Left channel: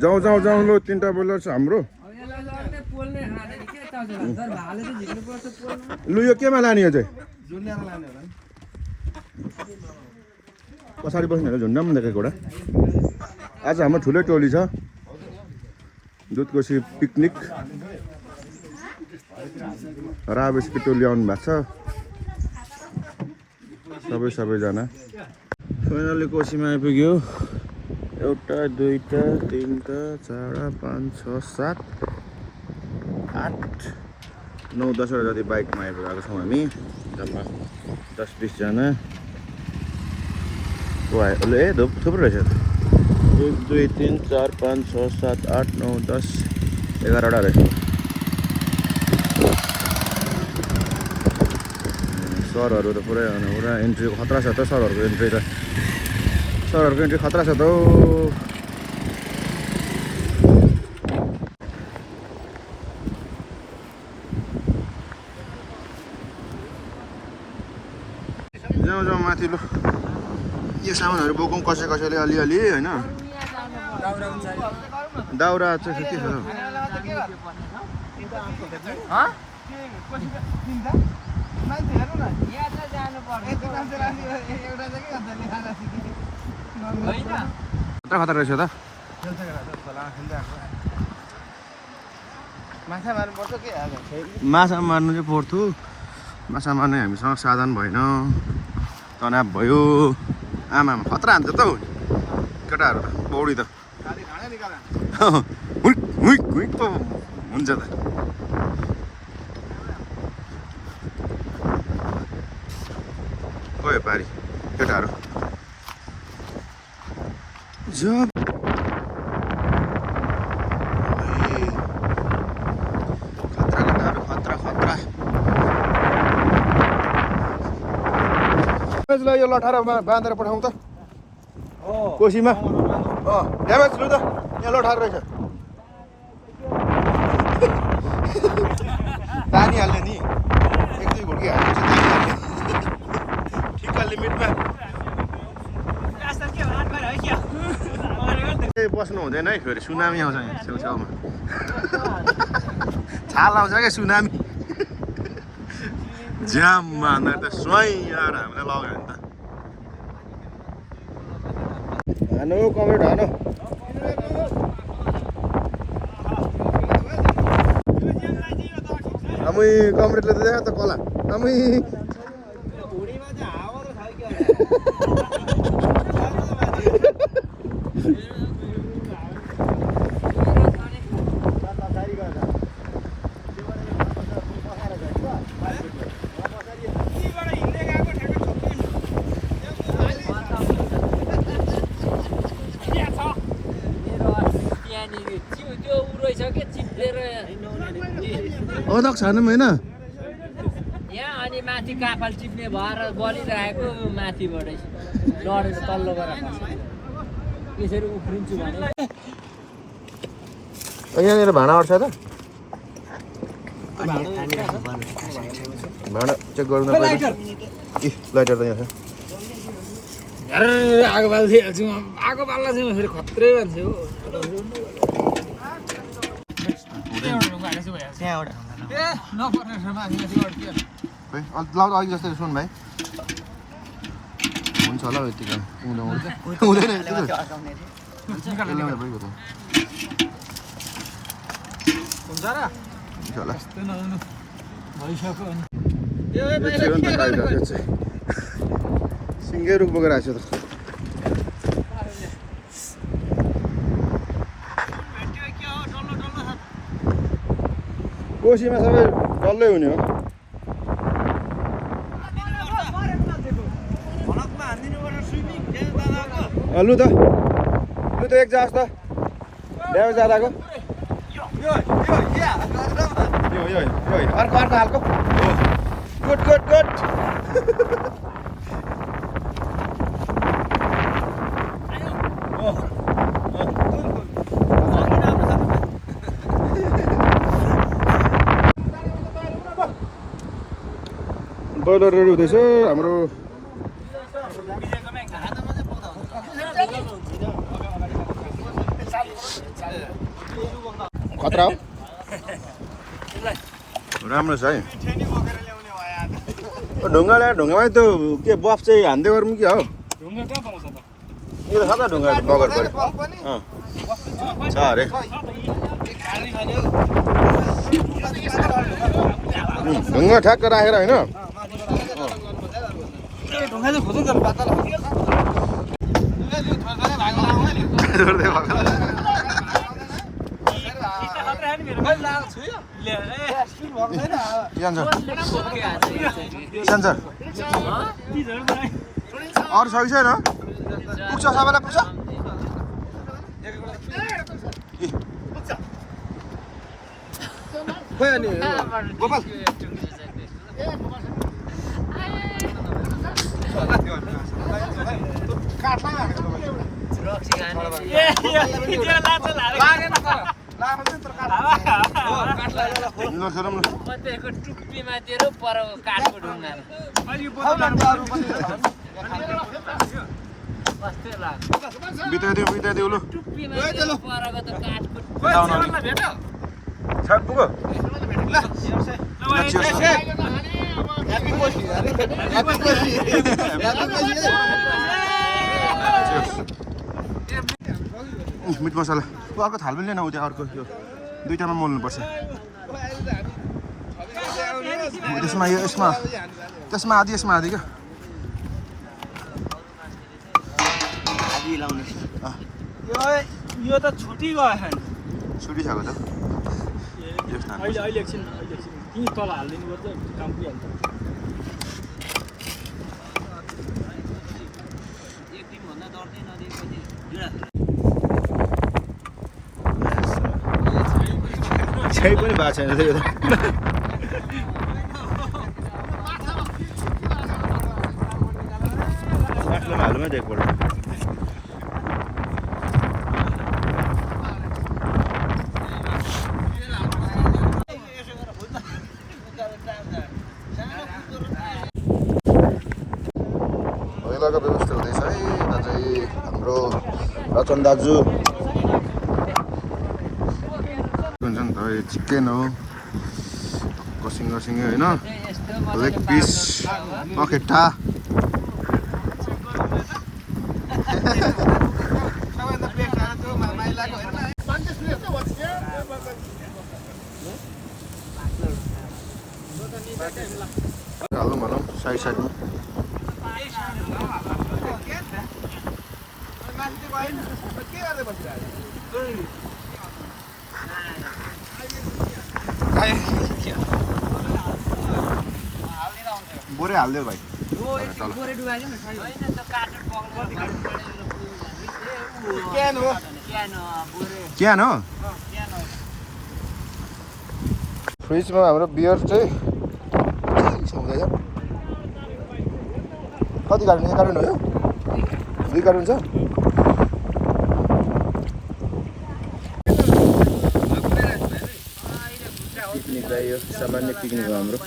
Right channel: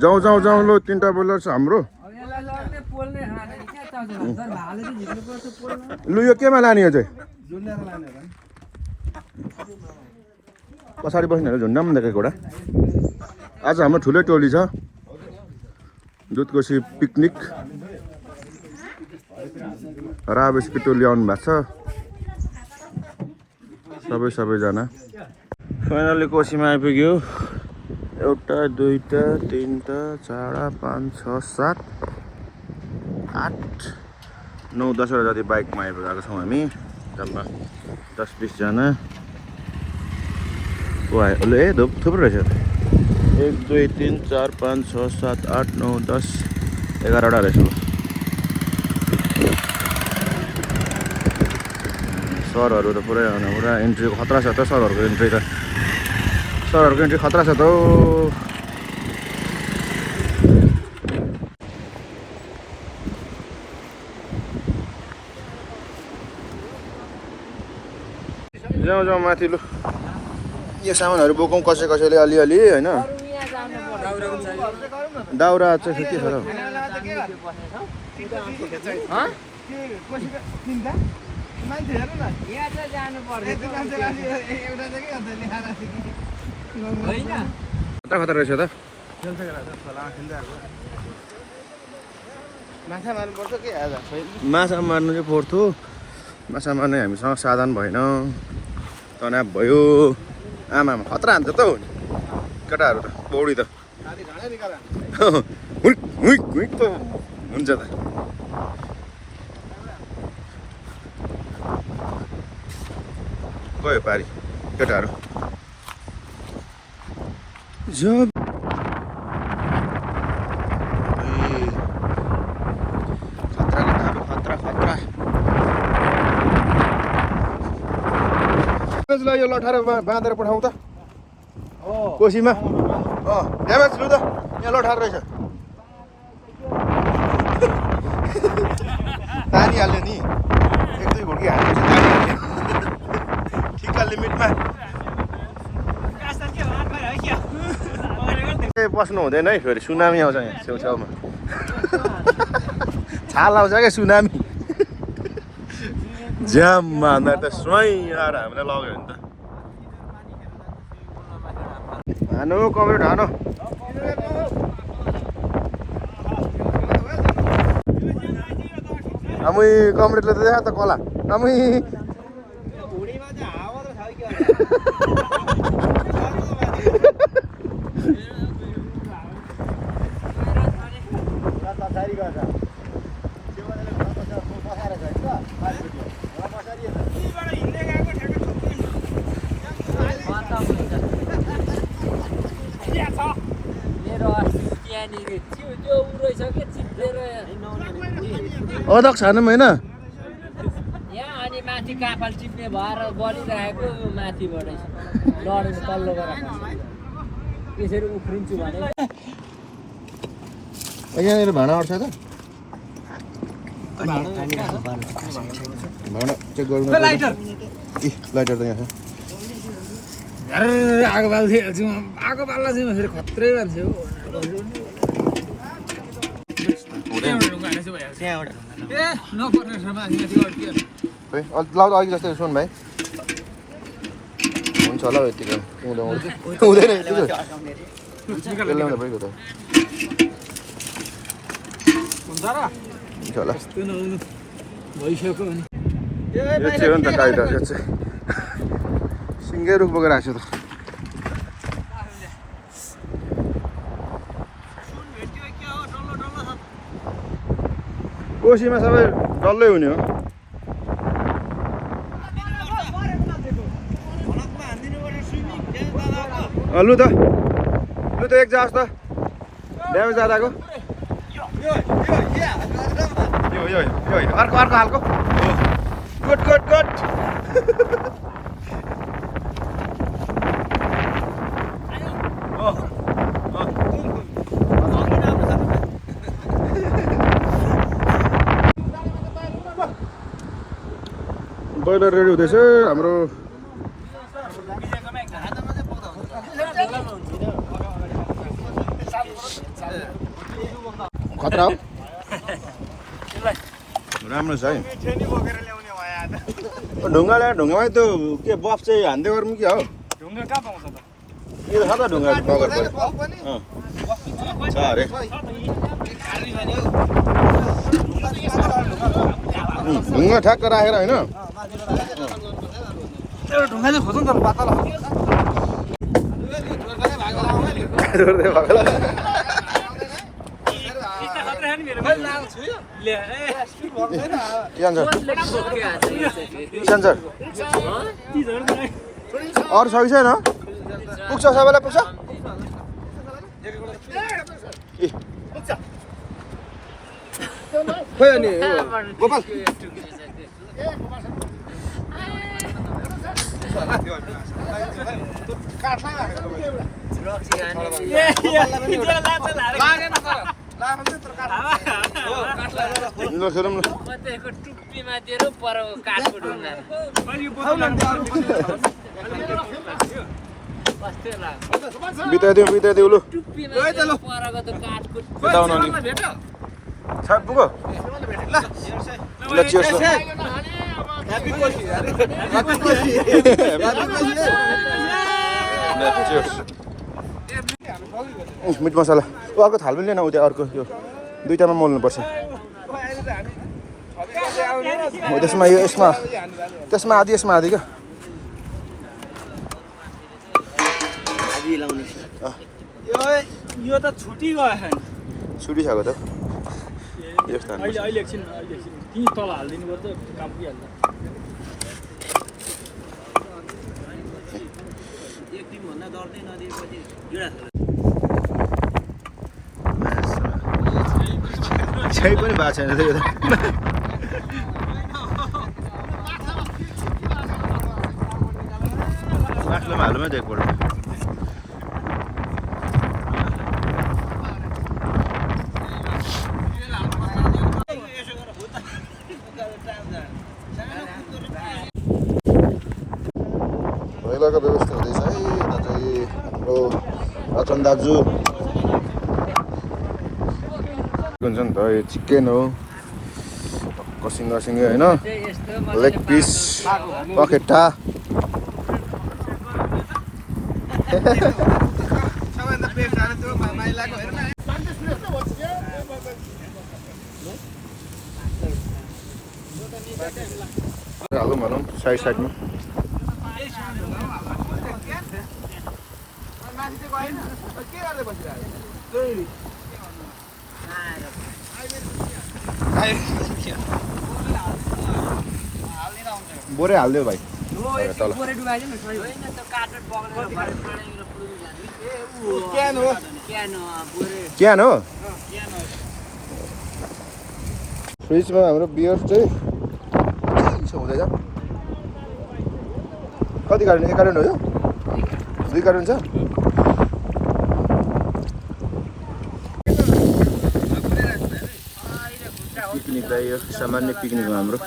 जाउँ जाउँ जाउँ लु 3टा बोइलर छ हाम्रो लु यो केमा लाने हो चाहिँ पछाडि बस्नेहरू झुन्डाम देखेको एउटा आज हाम्रो ठुलै टोली छ दुधकोशी पिकनिक राबेसको टोली आउनु भएको छ सबैजना फाइनली कोशीमा आइपुग्यो 1 2 3 4 5 6 7 8 9 10 वटा जति बाइकमा आइपुगेको छौँ हामी जम्मा 10-20 जना ए थुप्रो रहेछ 1 2 3 4 5 6 7 8 9 10 11 वटा रहेछ सरहरू त पुरै एन्ट्री खतरा छ त सरहरूको एन्ट्री खतरा छ त जाउँ माथि लु यो सामानहरू बोकौँ कसैले अलिअलि होइन दाउरा चाहिँ के छ र खतरा रहेछ त माछा मार्नु चाहिँ पर्थ्यो माछा मार्ने हामीसँग साधन भएन तनाव भयो आमामा खतरा हान्छ त हो केटाहरू त पौडी त पो हुन्छ त गयो पारी केटाहरू यो लठारमा बाँधेर पठाउँ त कोसीमा ड्यामेज लु त यहाँ लठार रहेछ पानी हाल्यो नि 1-2 घोकी हाल्नु ठिक्का लिमिटमा बस्नु हुँदैन है फेरि सुनामी आउँछ यहाँ छेउछाउमा छाल आउँछ क्या सुनामी ज्याममा हान्दा त स्वयं आएर हामीलाई लग्यो भने त हानु कमेन्ट हानु आमै कमेन्टले त देखा त कला आमै अध्यक्ष हानौँ होइन यहाँ अनि माथि कापाल टिप्ने भएर बलिरहेको माथिबाट लडेर तल्लो गरेर त्यसरी उफ्रिन्छु भने यहाँनिर भाँडा अट्छ त भाँडा चेक गर्नु पर्छ लाइटर त यहाँ छ आगो बाल्दिहाल्छु आगो बाल्दा चाहिँ फेरि खत्रै मान्छे हो लाउँदा अघि जस्तै सुन भाइ हुन्छ होला यतिको हुँदैन यतिको ल्याउँदा भइगयो त हुन्छ होला यो त काइदा यो चाहिँ सिङ्गै रुख बोकेर आएको छु त कोसीमा सबै डल्लै हुने हो लु त एक जाओस् त ड्यामेज जाँदाको यो अर्को हालको गुड बोइलर रेडी हुँदैछ हाम्रो खतरा हो राम्रो छ है ढुङ्गामा त्यो के बफ चाहिँ हान्दै गरौँ कि हौ यो छ त ढुङ्गा बगर छ अरे ढुङ्गा ठ्याक्क राखेर होइन ढुङ्गा चाहिँ खोज्नु त पातला जोड्दै भएको सन्चर अरू छ कि छैन पुग्छ सबैलाई पुग्छ खोइ अनि गोपाल ल खेरौँ न टुप्पीमा दिएर पर काठको ढुङ्गा बिताइदिउ लु टुप्पीमा परको त काठको बिताउन छाट पुग्यो ल चियर्स मिट मसला अर्को थाल पनि लिएन उ त्यहाँ अर्को यो दुईटामा मोल्नुपर्छ हो त्यसमा यो त्यसमा आधी यसमा आधी क्या यो त छुट्टी गयो छुट्टी खाएको त यस्तो अहिले एकछिन कि तल हालिदिनु पर्छ काम दिइहाल्छ एक दिन भन्दा डर्दै नदिएपछि छै पनि भएको छैन त्यो बाटोमा हाल्नुमा त एकपल्ट पहिलाको व्यवस्था हुँदैछ है यता चाहिँ हाम्रो अचन दाजु हुन्छ नि त यो चिकन हो कसिङ्गा होइन लेग पिस पखेटा हालौँ भनौँ साइडमा बोरे हालिदियो भाइ तल क्यान हो फ्रिजमा हाम्रो बियर चाहिँ हुँदैछ कति कार्टुन 1 कार्टुन हो यो 2 कार्टुन छ पिकनिकलाई यो सामान्य पिकनिक हो हाम्रो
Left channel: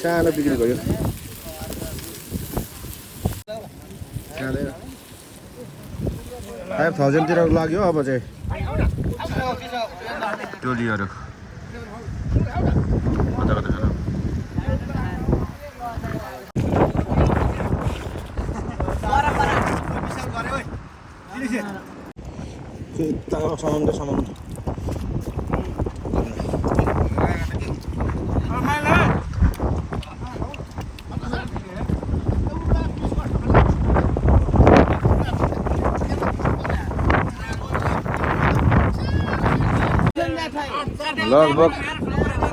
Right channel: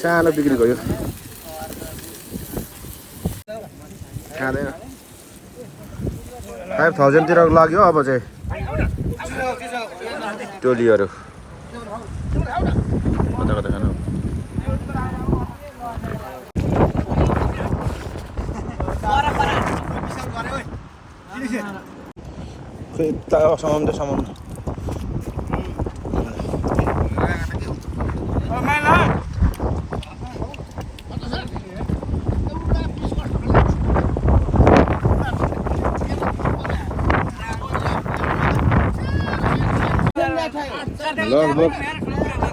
सानो पिकनिक हो यो खाँदैन 5000 तिर लाग्यो अब चाहिँ टोलीहरू कता कता खानु समाउँदै लगभग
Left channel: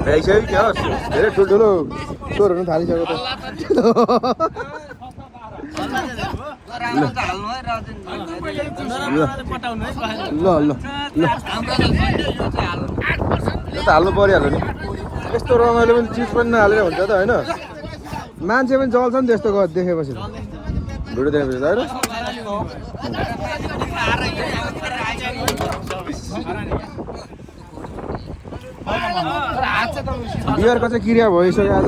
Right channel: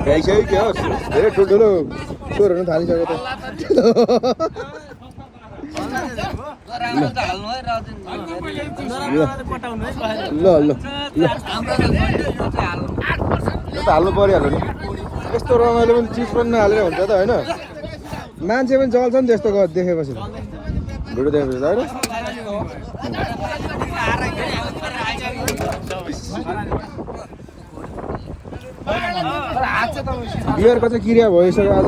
भ्याइसक्यो क्या हो धेरै ठुल्ठुलो स्वरहरू थालिसक्यो त हाल्नु परिहाल्यो नि यस्तो रमाइलो पनि चिज पनि नहालेर हुन्छ त होइन मान्छे पनि जल्छ नि त्यस्तो देखेपछि भिडियो देखेपछि त होइन बियरको चाहिँ क्रिया भइसक्यो आज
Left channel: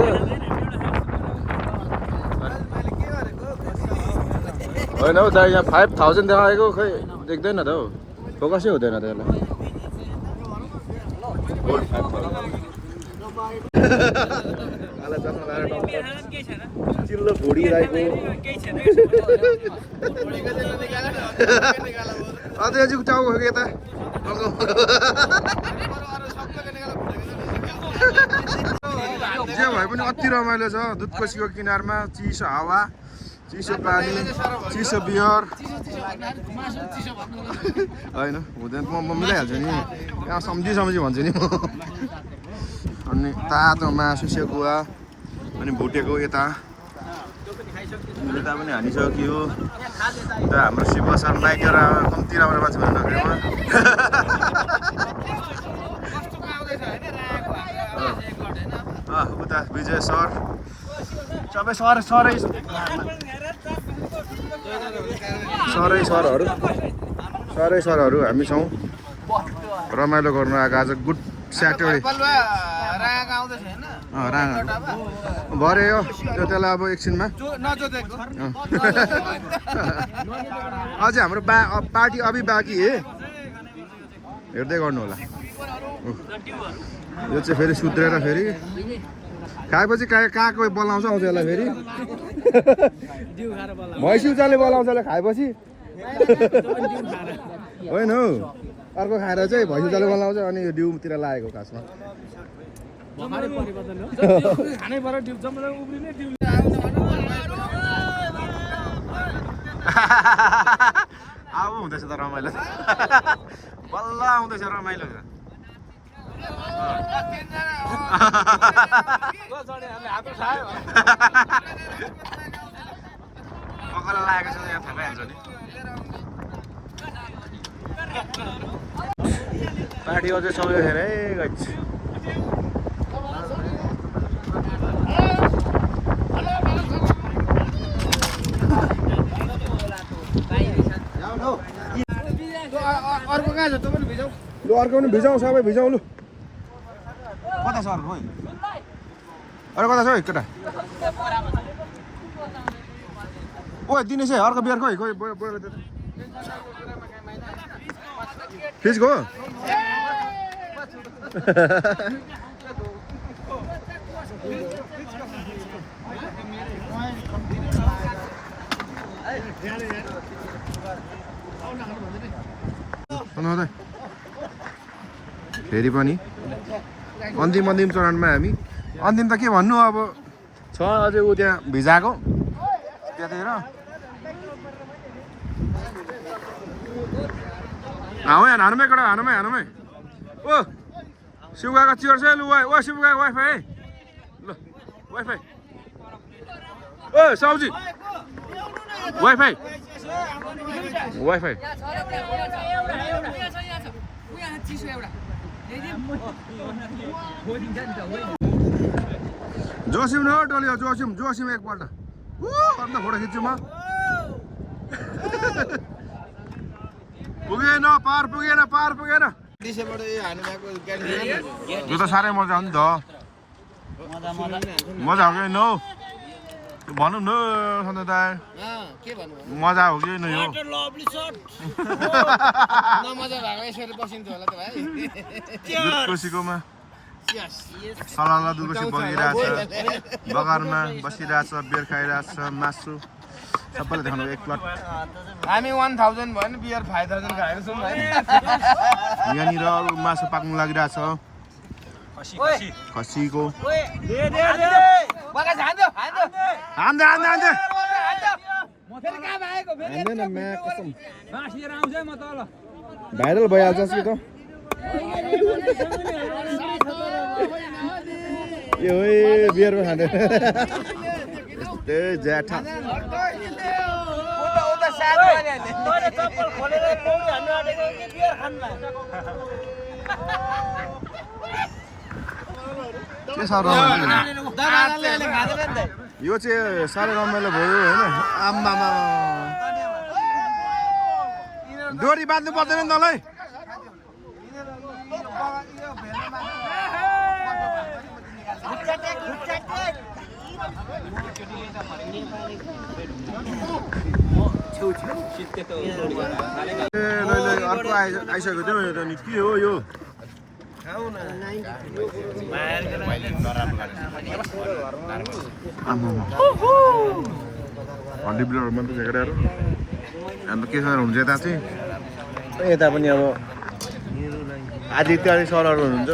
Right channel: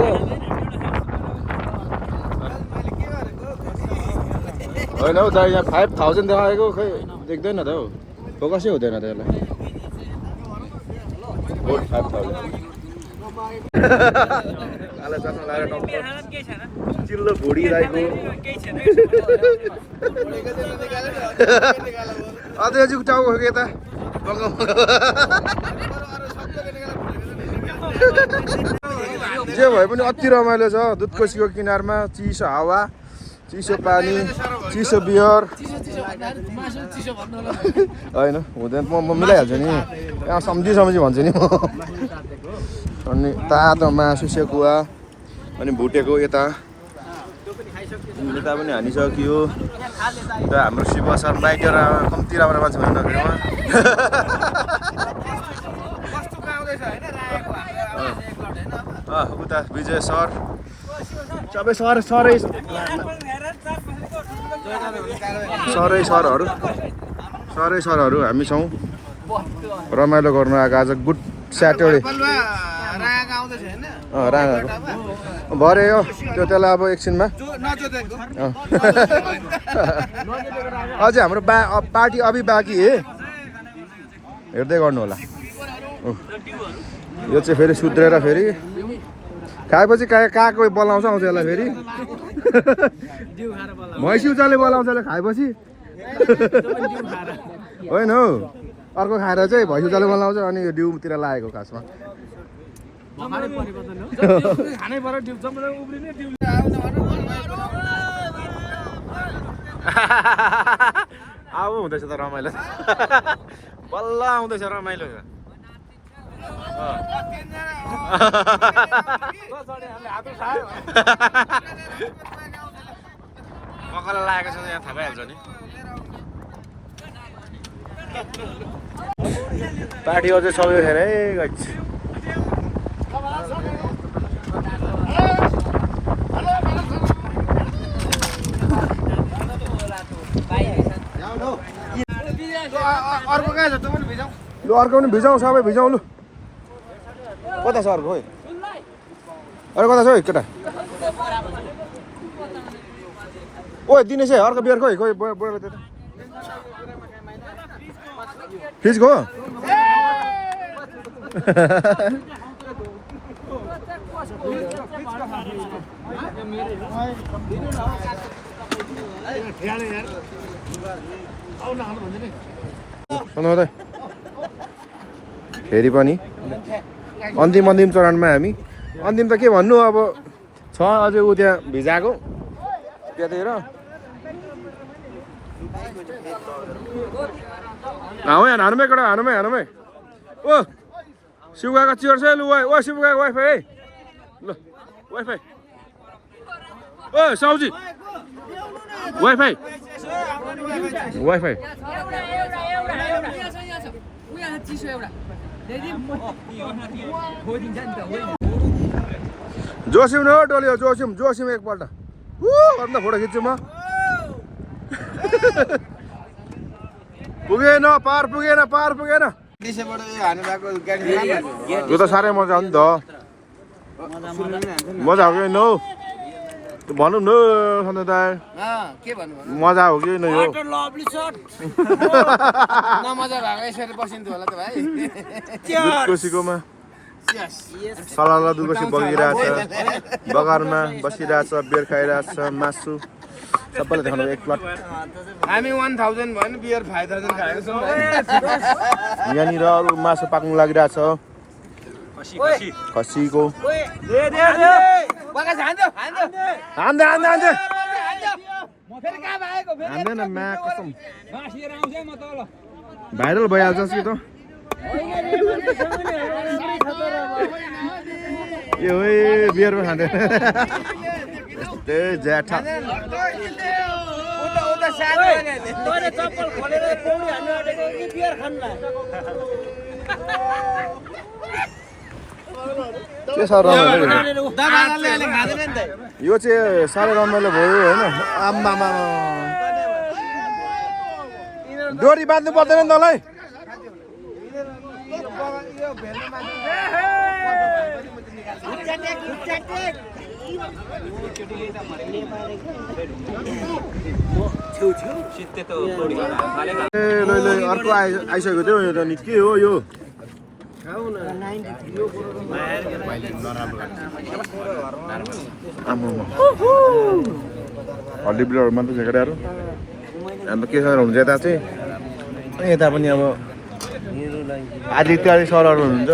होइन हौ दाइ यहाँ 5000 देखाएको खै देख्दैन त हौ फोकसै हुँदैन त यसलाई गोल्ड 5,000 काला चस्मा लगाएर टक्क चिल्लो भुडी राईको अझै अझै टाउको हो कि यता जे भए पनि अति रमाइलो छ दुधकोसीको किनारमा चिसो हावा चिसो पानी चिसो बियर होइन हुँदैन म मिलाइहाल्छु नि यहाँ सम्झी भन्छु नि म अनि तातो मासु सेकुवा अनि भुटेको यता यता पनि हानिसकियो उता हाम्रो शिव सर बाइकर कम्ती राम्रो मान्छे भन्नु उता विजय सर सबै सरै सरहरू हामी छौँ रमाइलो गर्नु आएको आज गुड स्याटरडे राँगाहरू भरे हो त्यो त्यसलाई अब एकछिनमा अझै हाम्रो पार्टी अभि बाँकी है हेर्दै गर्नु होला यो चाहिँ फेरि सुध्रेर फेरि खाएपछि काको बोलाउँछ आउँछ यसलाई फेरि भैँसी उचाले बोलाउँछ यसलाई खाएपछि होइन हौ अर्को खाएर चाहिँ भैँसी उचाले बोलाउँछ अनि यो डिउतिर लागेको खासमा अब हुँदैछ त रमाइलो बल्ल आउँदैछ रमाइलो पकाएर लागेको छ यहाँ थाहा भइहाल्छ नि पार्टी अझै सबै खेर है लु अर्को पनि भिजाउँ सबै भिजाउँ लु कता छ अर्को अरे कता छ है केटा ओ दिनेश है अर्को बियर खोइ फ्रिजको फेरि पनि अन्तिम चरणमा हामी अन्तिम त के भन्नु अब छ अझै ऊ त्यहाँ भिजाएको त्यतातिर हानुमै कडा हानुमै ओ शिवगाको चियर छ लु ओ शिवगाको वाइफाई है ल वाइफाई ओ साउजी वाइफाई जोसिम न डोल्यो जोसिम एकपल्ट अन्त फोटो खिच्छु म पुगेन पार पुगेन यो त साह्रै मजा हो नि त मजा हो कि न भनौँ न सन्जय दाइ मजा हो कि न यो दुधकोसीकोमा सलाला दुधकोसी बगिरहेछ बगानमा बसिरहेछ बियर खाइरहेछ मासु सबैले देखाउनु एक प्लट हामी 1000 भयो नि बियर 5000 खाएको छौँ यहाँनिर अरू मासु पाक्नु लागिरहेछ खसीको भाइरल भइहाल्छ कि त ए बियर पनि खाँदैन ज्याठा के साह्रो रमाइलो यो चाहिँ साह्रै रमाइलो भयो होइन आम्मामा डोरी बाँध्नु पर्दैन नि तँलाई अर्को आइसकेको थियो यो त नि के हो यो आम्मामा हड्डी बिलहरूमा त झेकेराहरू अन्त के सर हुन्छ यता चाहिँ यता पनि अब आदित्य आदि सरहरू हुन्छ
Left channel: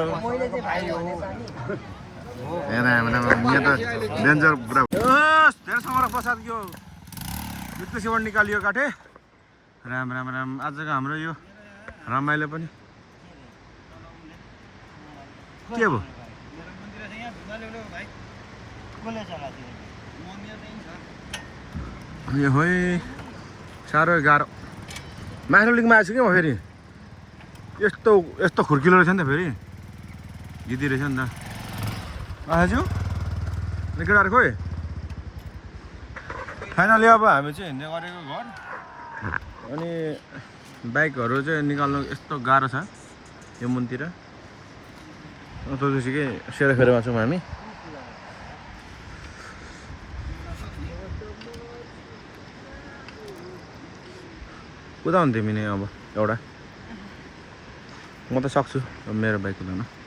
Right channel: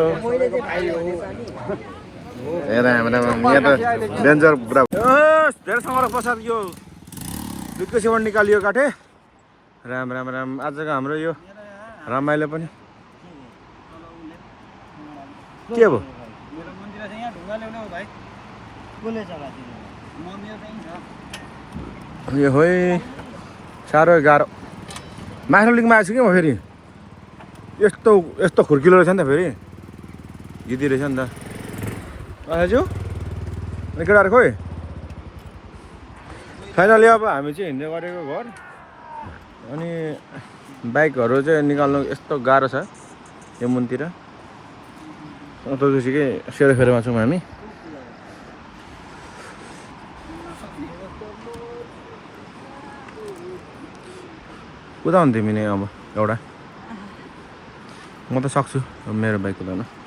यहाँ त डेन्जर पुरा धेरै समय पश्चात यो दुधको सेवन निकालियो काठे राम राम राम आजको हाम्रो यो रमाइलो पनि के भयो यो होइ साह्रो गाह्रो माथिल्लो लिगमा आएछु कि म फेरि यस्तो यस्तो खुर्किलो रहेछ नि त फेरि जिती रहेछ नि त आजु अनि केटाहरू खोइ फाइनली अब हामी चाहिँ हिँड्दै गरेको घर अनि बाइकहरू चाहिँ निकाल्नु यस्तो गाह्रो छ यो मुनतिर त्यसपछि सेरोफेरोमा छौँ हामी कुदाउनु तिमीले अब एउटा म त सक्छु मेरो बाइक कुदाउन